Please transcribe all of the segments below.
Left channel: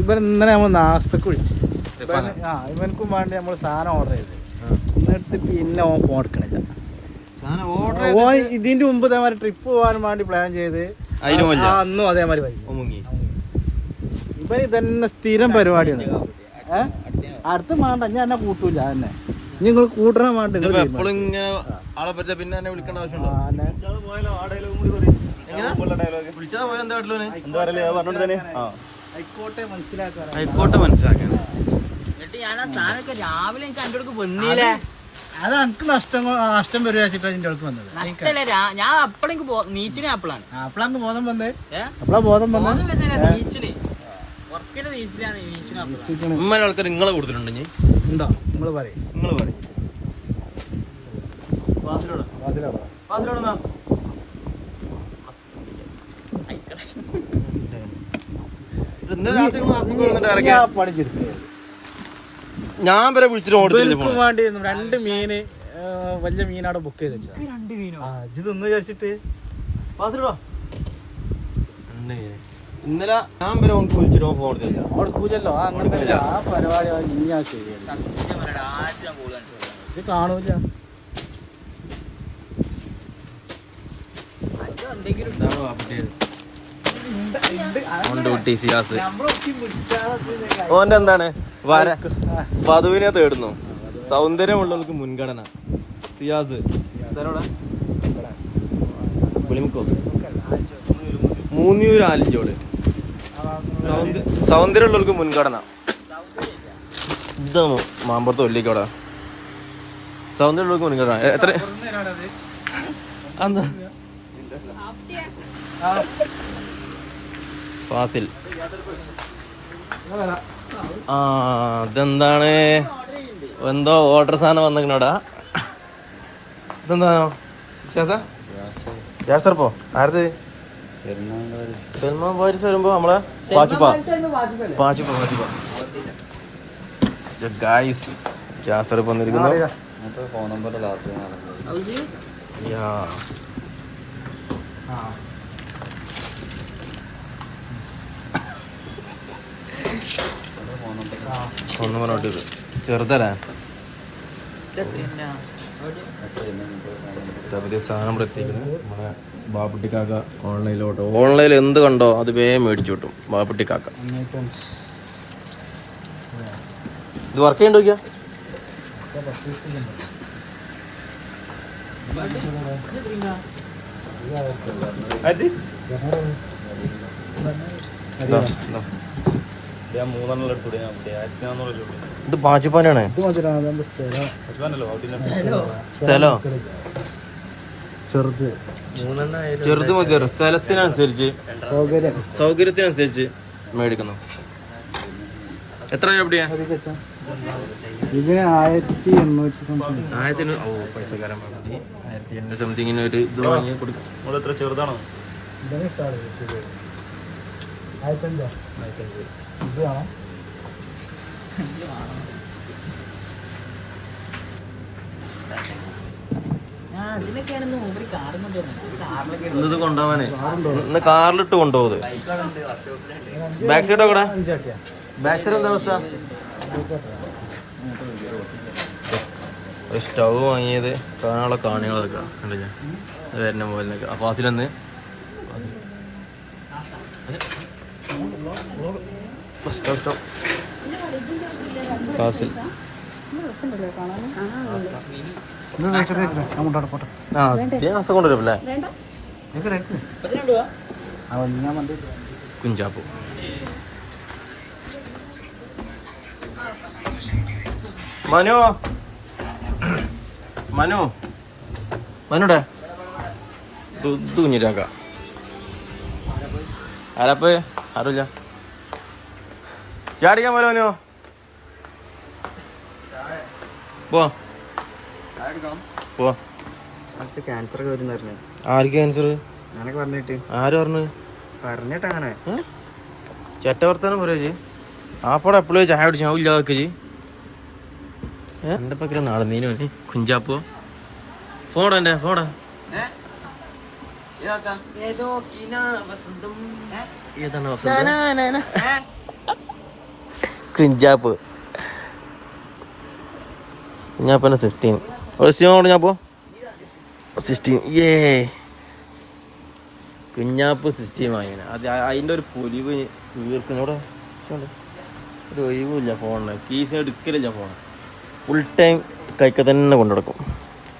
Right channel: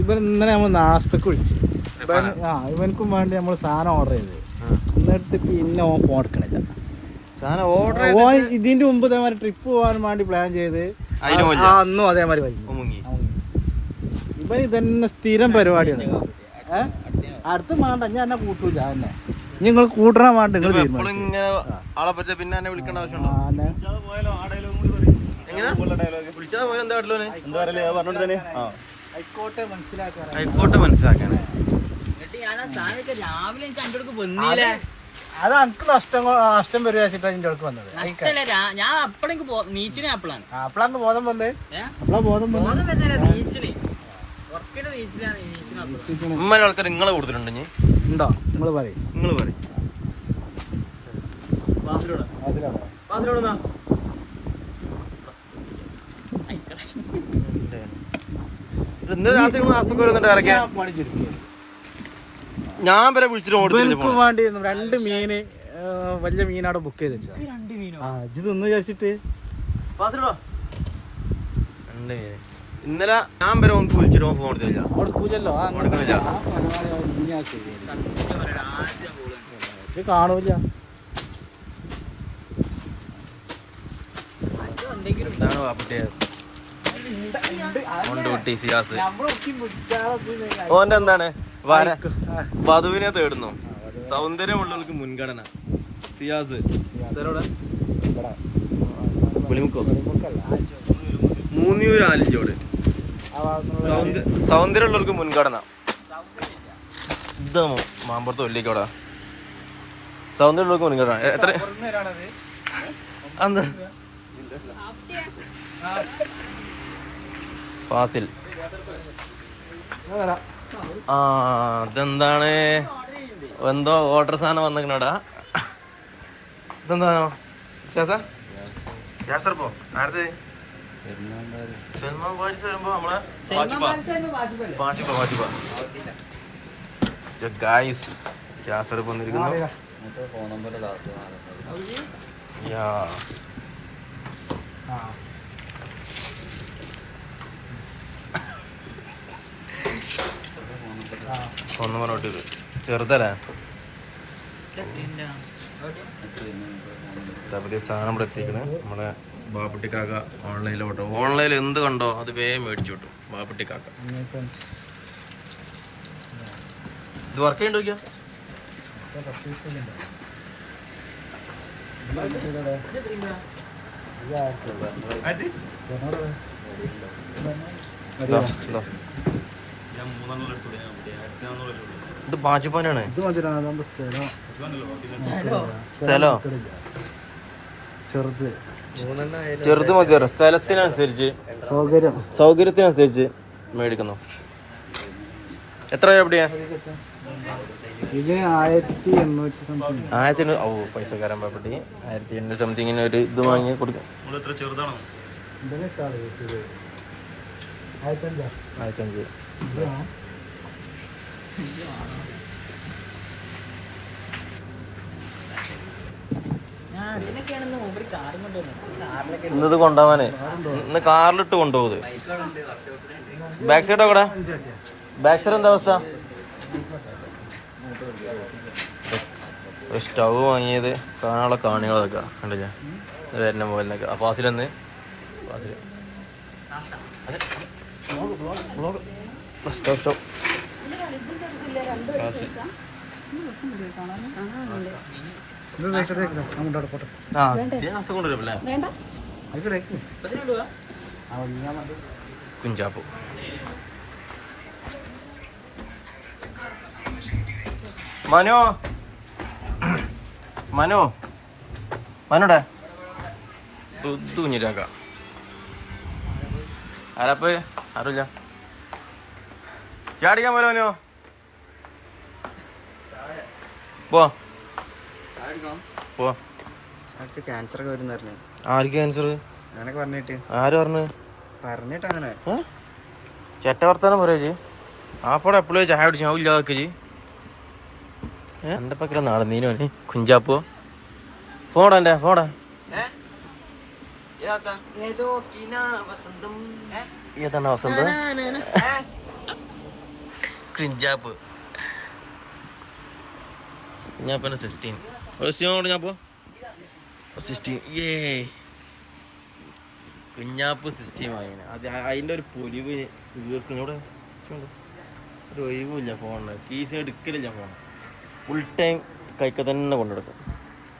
ഇവൻ ഇന്നലെ നമ്മൾ നാസ്തക്ക് വിളിച്ചു. ഇവനക്കും വേണ്ടി നമ്മൾ സാധനം ഓർഡർ ചെയ്തത്. എന്നിട്ട് പിന്നെ ഓൻ കൊടുക്കണില്ല. ഇതിന്റെ മുമ്പ് ഇതേമാതിരി ട്രിപ്പ് പോകാൻ വേണ്ടി പ്ലാൻ ചെയ്ത് അന്നും അതേമാതിരി ഇവൻ ഇതന്നെ സ്ഥിരം പരിപാടിയാണ്. അടുത്ത വേണ്ട ഞാൻ എന്നെ കൂട്ടൂല. തന്നെ നിങ്ങൾ കൂട്ടണ വേണ്ട. ആളെ പറ്റ പിന്നെ എന്നെ വിളിക്കേണ്ട ആവശ്യമുണ്ടോ? ഹൈക്കോട്ടെ മനസ്സിലാക്കാൻ രാവിലെ വന്നില്ലേ? അത് എനിക്ക് നഷ്ടം വരും വെച്ചിട്ടാ ഇതിന്റെ അടുക്ക് വന്നത്. ഞാൻ അപ്പളേക്ക് നീച്ചിന് അപ്പളാണ് അപ്പളാണ് ബോധം വന്നത്. അപ്പളാ ബോധം വന്നത്. ഉമ്മ ആൾക്കാർ നിങ്ങളെ കൊടുത്തിട്ടുണ്ടോ? ഉണ്ടോ? നിങ്ങൾ പറയും. ഞാൻ വരെ വിളിച്ചിട്ട് വേണ്ടി 2 മീന് വലിയ മീനവിടെ ബുക്ക് ചെയ്ത് വെച്ചാൽ 2 മീനോ ഇതൊന്ന് വിചാരിച്ചിട്ട് ഇന്നലെ ഞാൻ വരെ വിളിച്ചിട്ട് ഫോൺ കൊടുത്തില്ല. കൊടുക്കൂലല്ലോ. ആ പരിപാടി ഇത് കാണൂല. ഓന്റെ എന്താണ് വധുവിനെ തേടുന്നു. സൗന്ദര്യമുള്ളവർക്ക് മുൻഗണന. സിയാസ് പുളിമുക്കോ മൂന്നിയൂർ ആലിഞ്ചോട് സൗന്ദര്യമുള്ളവർക്ക് മുൻഗണന. ഇതാ മാമ്പുറത്ത് ഒല്ലിക്കോടാ സൗന്ദര്യമുള്ളവർക്ക് മുൻഗണന. എത്ര എന്താ ഫാസിൽ? ഇതെന്താണ്? എന്തോ ഓർഡർ സാധനം വന്നിക്കണോടാ. ഇതെന്താണോ? ഗ്യാസർപ്പോ ആരത്? സൽമാൻ വാരിസ് വരുമ്പോ നമ്മളെ ഗായ്സ് ഗ്യാസർപ്പ് വന്നിരിക്കുന്നു. ഒന്ന് പറഞ്ഞോട്ട് ചെറുതല്ലേ പുതിയ സാധനം ഇവിടെ എത്തിക്കുന്നത്. നമ്മളെ ബാപ്പുട്ടിക്കാക്ക ഓൺലൈനിൽ എന്ത് കണ്ടോ അത് വേഗം മേടിച്ചു കിട്ടും. ബാപ്പുട്ടിക്കാക്ക ഇത് വർക്ക് ചെയ്യണ്ടോ? ഇത് ബാജുപ്പാനാണ്. സ്ഥലോ ചെറുത് മതി. സ്ഥലത്തിനനുസരിച്ച് സൗകര്യത്തിനനുസരിച്ച് മേടിക്കുന്നു. എത്ര എവിടെയാ? 1800. ഓ പൈസക്കാരൻ പാപ്പട്ടി 1800 സംതിങ്ങിന് ഒരു ഇത് വാങ്ങി കൊടുക്കാം. ചെറുതാണോ? 1500 ഇത് വേണം. ഇന്നത് കൊണ്ടുപോവാനേ ഇന്ന് കാറിലിട്ട് കൊണ്ടുപോകുന്നത്. ബാക്ക് സൈഡ് കൂടെ ബാക്ക് സൈഡ് എന്താ അവസ്ഥ? ഒരു സ്റ്റൗ വാങ്ങിയത് കാണാനുള്ള കാണികളൊക്കെ കണ്ടില്ല വരുന്ന പോലൊക്കെ. ഫാസിലെന്ന് സ്റ്റൗ ഫാസിൽ കൊണ്ടുവരുമല്ലേ കുഞ്ചാപ്പു. മനുടെ ബുദ്ധു കുഞ്ഞിരാക്ക ആരപ്പ് അറിയില്ല. ചാടിക്കാൻ പോലെ മനോ ക്യാൻസർ ഒക്കെ വരും. ആർക്ക് ക്യാൻസർ? ഞാനൊക്കെ പറഞ്ഞിട്ട്. ആര് പറഞ്ഞിട്ട്? അങ്ങനെ ചെറ്റ വർത്താനം പറയാ. ആപ്പോടെ എപ്പോഴും ചായ കുടിച്ച് ഞാൻ ഇല്ലാതൊക്കെ എന്റെ പക്കല നടന്നീനോ കുഞ്ചാപ്പോ. ഫോണാ എന്റെ ഫോണാ. ഏതാണ് അവസരം കുഞ്ചാപ്പ് കുഞ്ഞാപ്പൻ്റെ 16 ഞാപ്പോ 16 കുഞ്ഞാപ്പ് 16 വാങ്ങിയാണ് അത് അതിൻ്റെ ഒരു പൊലിവ് തീർക്കുന്നൂടെ ഒരു ഒഴിവില്ല ഫോണിന് കീസിന് എടുക്കലില്ല ഫോൺ ഫുൾ ടൈം കൈക്ക് തന്നെ കൊണ്ടുനടക്കും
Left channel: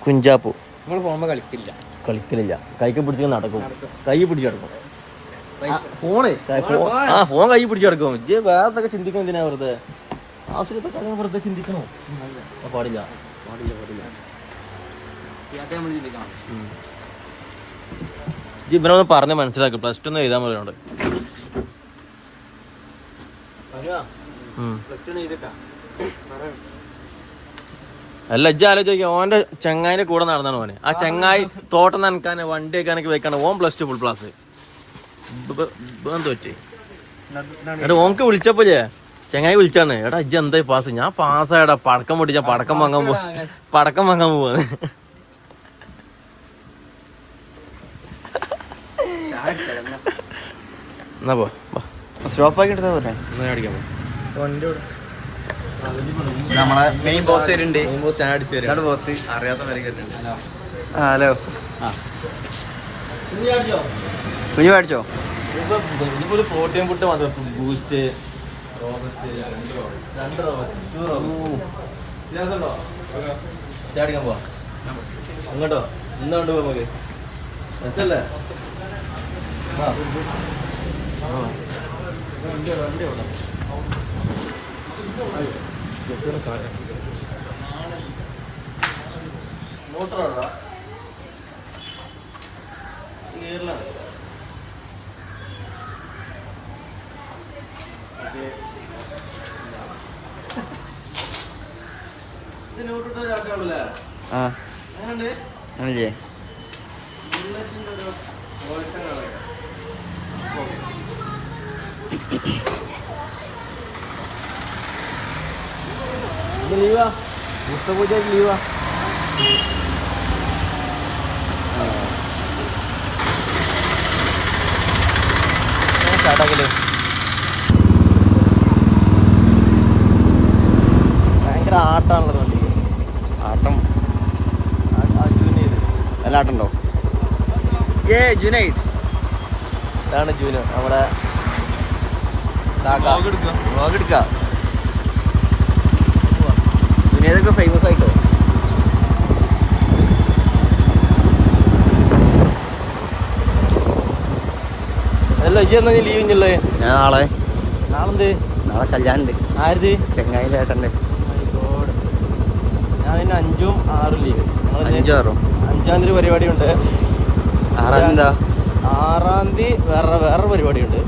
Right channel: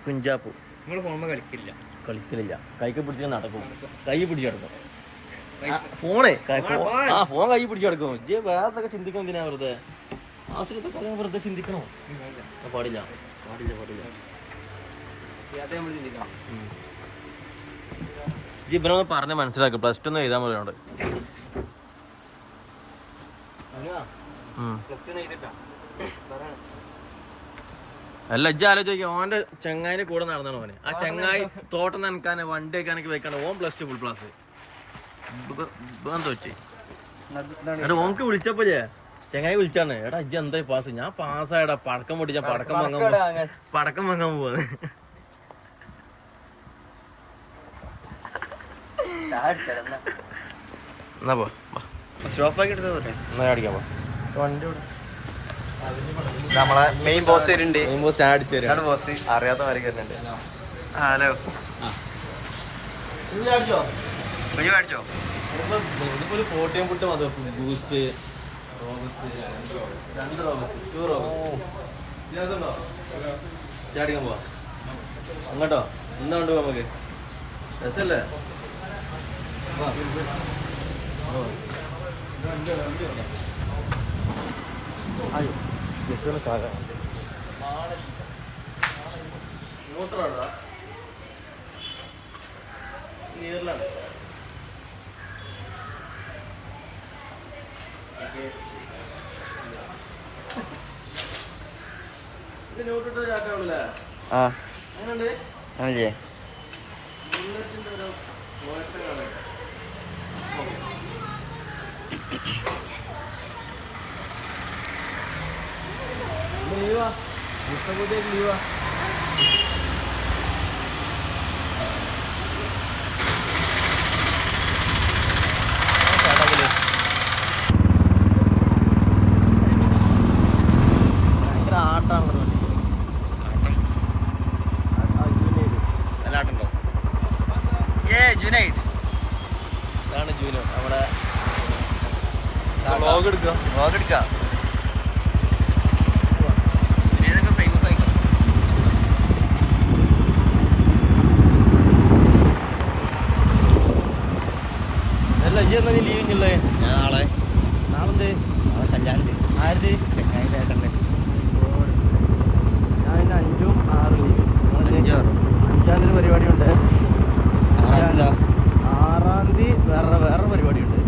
കുഞ്ചാപ്പു നമ്മൾ പോകുമ്പോ കളിക്കലില്ല കൈക്ക് പിടിച്ച് നടക്കും കൈ പിടിച്ച് കിടക്കും ഫോണ് ഫോൺ കൈ പിടിച്ച് കിടക്കും വേറെ എന്തൊക്കെ ചിന്തിക്കണം എന്തിനാ വെറുതെ ആവശ്യത്തെ കാര്യം വെറുതെ ചിന്തിക്കണോ പാടില്ല പാടില്ല പാടില്ല ഇവനൊന്ന് പറഞ്ഞ് മനസ്സിലാക്കും +2 ഒന്ന് എഴുതാൻ പറയുന്നുണ്ട് അല്ല ഇജ്ജ് ആലോചിക്കാം ഓന്റെ ചങ്ങായിന്റെ കൂടെ നടന്നാണ് ഓന് ആ ചങ്ങായി തോട്ടം നനക്കാന് വണ്ടി വെക്കാനൊക്കെ വെക്കാണ് ഓൻ +2 ഫുൾ ക്ലാസ് തോറ്റേ എടാ ഓൻക്ക് വിളിച്ചപ്പോ ചങ്ങായി വിളിച്ചാണ് എടാ ഇജ്ജ് എന്തായി പാസ് ഞാൻ പാസ്സായടാ പടക്കം പൊട്ടിച്ചാ പടക്കം വാങ്ങാൻ പോവാന്ന് എന്നാ പോ സ്റ്റോപ്പാക്കി എടുത്താ എന്നാ അടിക്കാൻ പോ നമ്മളെ മെയിൻ ബോസ് വരുന്നുണ്ട് ബോസ് അറിയാത്ത മാതിരി വരുന്നുണ്ട് ഹലോ കുഞ്ഞു മേടിച്ചോ ഒരു പ്രോട്ടീൻ ഫുഡ് മതി ബൂസ്റ്റ് ചാടിക്കാൻ പോവാ അങ്ങോട്ടോ ഇന്നോട്ട് പോവാ നമുക്ക് രസല്ലേ മോട്ടറാണോ ഗിയറിലാണ് ആ അങ്ങനെ ചെയ്യേ ലീവാ പൂജ ലീവാ ഭയങ്കര ആട്ടാണല്ലോ ആട്ടം നല്ല ആട്ടുണ്ടോ ജുനൈറ്റ് ഇതാണ് ജൂനോ നമ്മുടെ വ്ളോഗ് എടുക്കാം ജുനൈറ്റൊക്കെ ഫേമസ് ആട്ടോ അല്ല ഇജ്ജ് എന്നാ നീ ലീവ് ഇല്ലേ ഞാൻ നാളെ കല്യാണം ഉണ്ട് ആയത് ചെങ്ങായിലേട്ടൻ്റെ ഞാൻ പിന്നെ 5ഉം 6ഉം ലീവ് 5-6 5-ാം തീയതി പരിപാടി ഉണ്ട് 6-ാം തീയതി 6-ാം തീയതി വേറെ പരിപാടിയുണ്ട്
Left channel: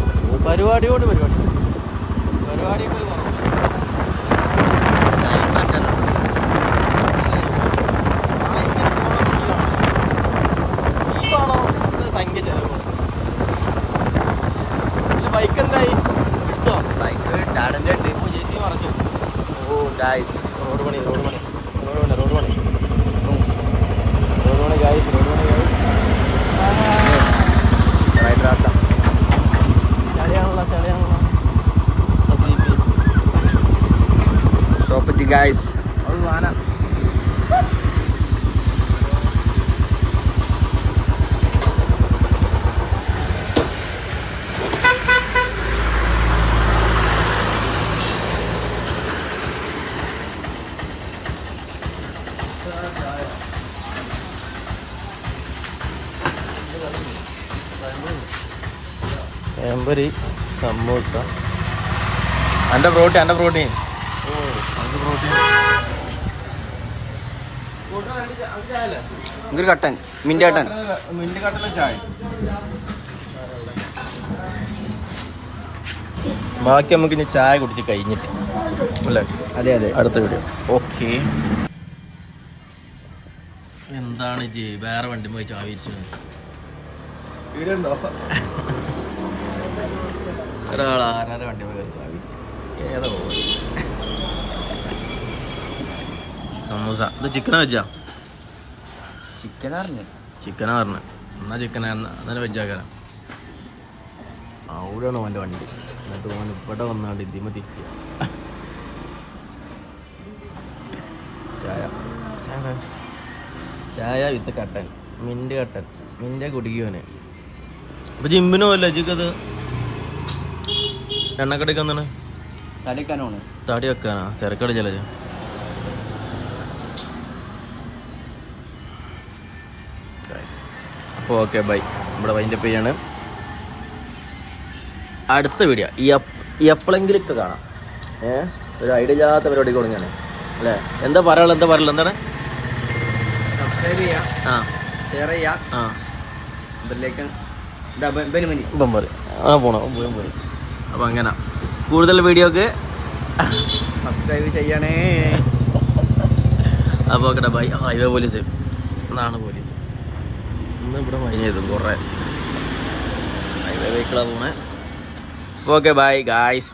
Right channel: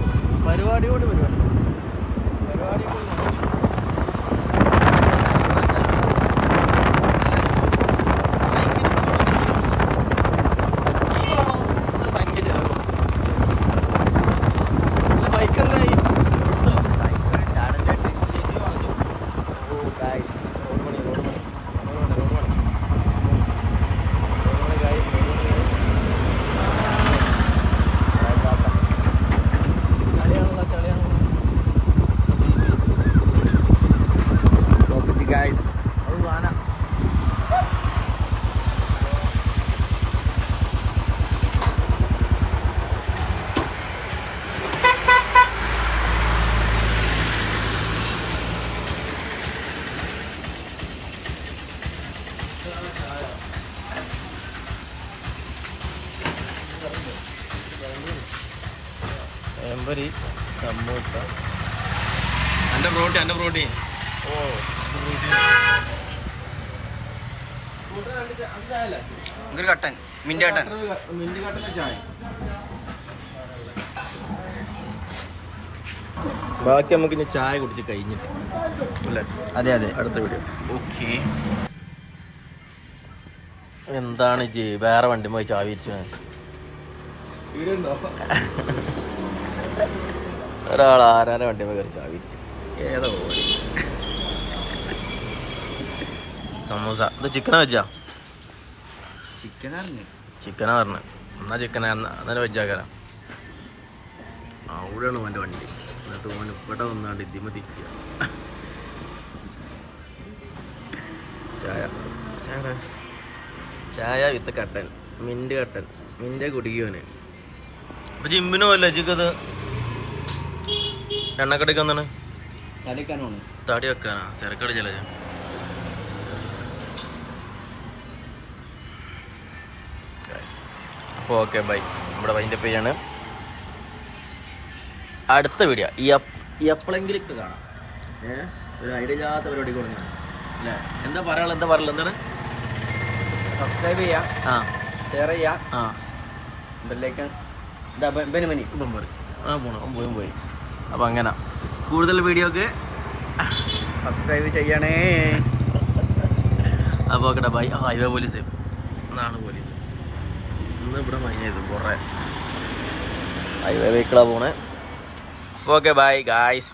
പരിപാടിയോട് പരിപാടി എമ്പരി സമോസ എൻ്റെ പ്രോട്ടീൻ ഓ എൻ്റെ പ്രോട്ടീൻ കട്ടൻ മിന്റ് കട്ടൻ ചായ ബാക്കി നമുക്ക് ഇനി ചായ കുടിച്ച് കഴിഞ്ഞിട്ട് അല്ലേ അതെ അതെ അടുത്ത വീഡിയോ ഓക്കെ എന്താണ് ജി വേറെ വണ്ടി പോയി ചാവിരിച്ചു ഒരാൾ ആരാൻ്റെ വണ്ടി പോയി ചാവിരിച്ചു ഏതോ സമൂസ ഇത് ചിക്കനാ വെച്ചാ ചിക്കൻ അറിഞ്ഞു ചിക്കനാ പറഞ്ഞത് എന്നാ ചിക്കനാ എന്നാലും വെച്ചാക്കാരാ അവിടെയാണ് അവൻ്റെ വണ്ടി. എന്നിട്ട് അവൻ ഇവിടെ വന്നാണ്ട് ഇതിമ തിരിച്ചു. ചായ ചായ ചായ വിത്ത് കട്ടൻ, മിൻറ്റ് കട്ടൻ, മിൻ്റെ കുടിക്കുവനെ. അപ്പോൾ ജിമ്മിനോ അല്ല അജിക്കത് എണ്ണക്കടയ്ക്ക് വന്നാണ് തടി വെക്കാനാ തിരക്കടി ചില. അപ്പോൾ ഓക്കെ ബൈ. നമ്മുടെ വൈൻഡപ്പ് ചെയ്യാണ്. അടുത്ത വീഡിയോ എപ്പോഴെങ്കിലൊക്കെ കാണാം. ഒരു ഐഡിയ ഇല്ലാത്ത പരിപാടി കൊടുങ്ങാണ് അല്ലേ? എന്താ പറയാനുള്ളത് എന്താണ്? സബ്സ്ക്രൈബ് ചെയ്യാം, ആ ഷെയർ ചെയ്യാം, ആ ബെല്ലൈക്കൺ ബമ്പർ പോയി. അപ്പം അങ്ങനെ കൂടുതൽ വീഡിയോക്ക് സബ്സ്ക്രൈബ് ചെയ്യണേ. അപ്പോൾ ഓക്കെ ബൈ. ഹൈവേ പോലീസ് എന്നാണ് പോലീസ് ഇന്ന് ഇവിടെ മൈൻ ചെയ്തു കുറേ ഹൈവേ വെഹിക്കിളാണ് പോണേ. Okay bye guys.